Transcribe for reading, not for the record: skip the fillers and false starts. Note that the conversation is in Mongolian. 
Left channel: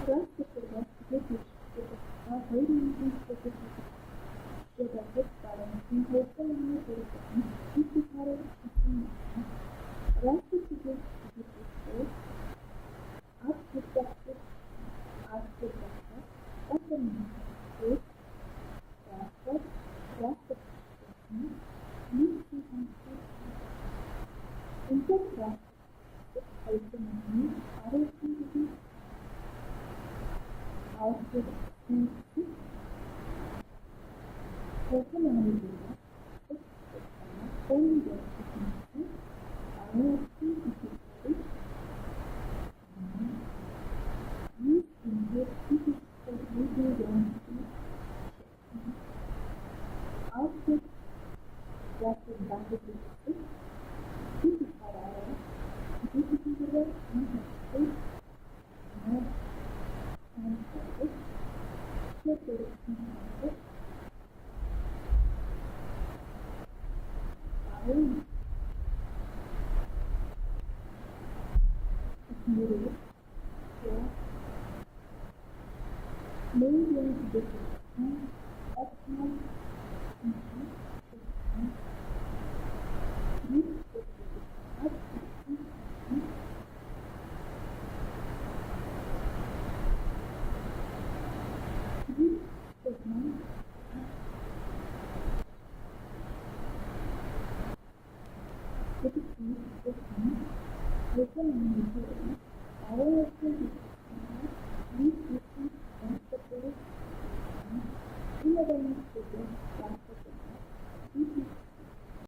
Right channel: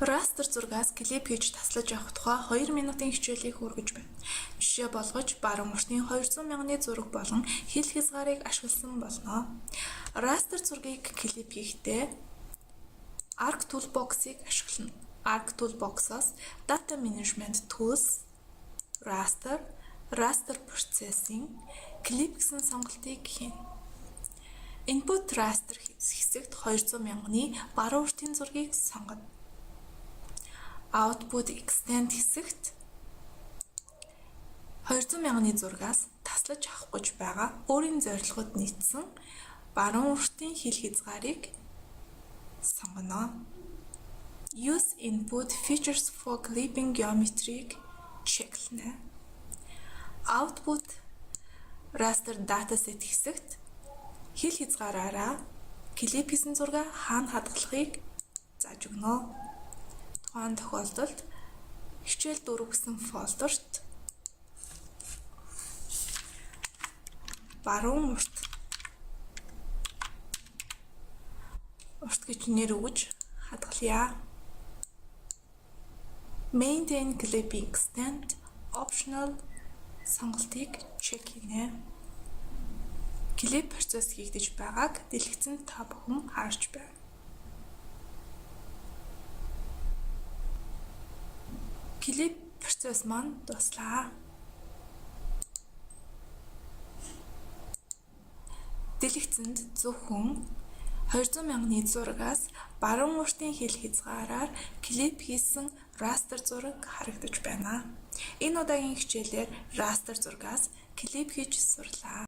Растер зургаас клип хийж таслаж авах тухай 2 минутын хичээлийг хүргэж байна. Жишээ болгож баруун уртын 200 мянганы зураг болон хил хязгаарыг ашигласан болно. Растер зургийг клип хийхдээ Arc Toolbox-ыг ашиглана. Arc Toolbox-оос Data Management Tools, Raster Processing, Clip гэсэн сонголтыг хийнэ. Input Raster хэсэгт 200 мянганы баруун уртын зургийг сонгоно. Output Extend хэсэгт 200 мянганы зургаас таслаж авах гэж байгаа өөрийн зорилгод нийцсэн баруун уртын хил хязгаарыг сонгоно. Use Input Features for Clipping Geometry-г чеклэнэ. Output Raster Dataset хэсэгт хил хязгаараараа клип хийсэн зургаа хаана хадгалахыг зааж өгнө. Тухайн тохиолдолд хичээл 4 гэсэн фолдерт баруун урт гэж нэр өгж хадгалъя. Maintain Clip Extend Optional сонголтыг чек хийнэ. Клип процесс хийгдэж байгааг дэлгэцэн та бүхэн харж байна. Клип процесс маань дуслаа. Дэлгэцэнд зөвхөн 200 мянганы зурагаас баруун уртын хил хязгаараар клип хийсэн растер зураг харагдаж байна. Энэ удаагийн хичээлээр растер зургаас клип хийж сурлаа.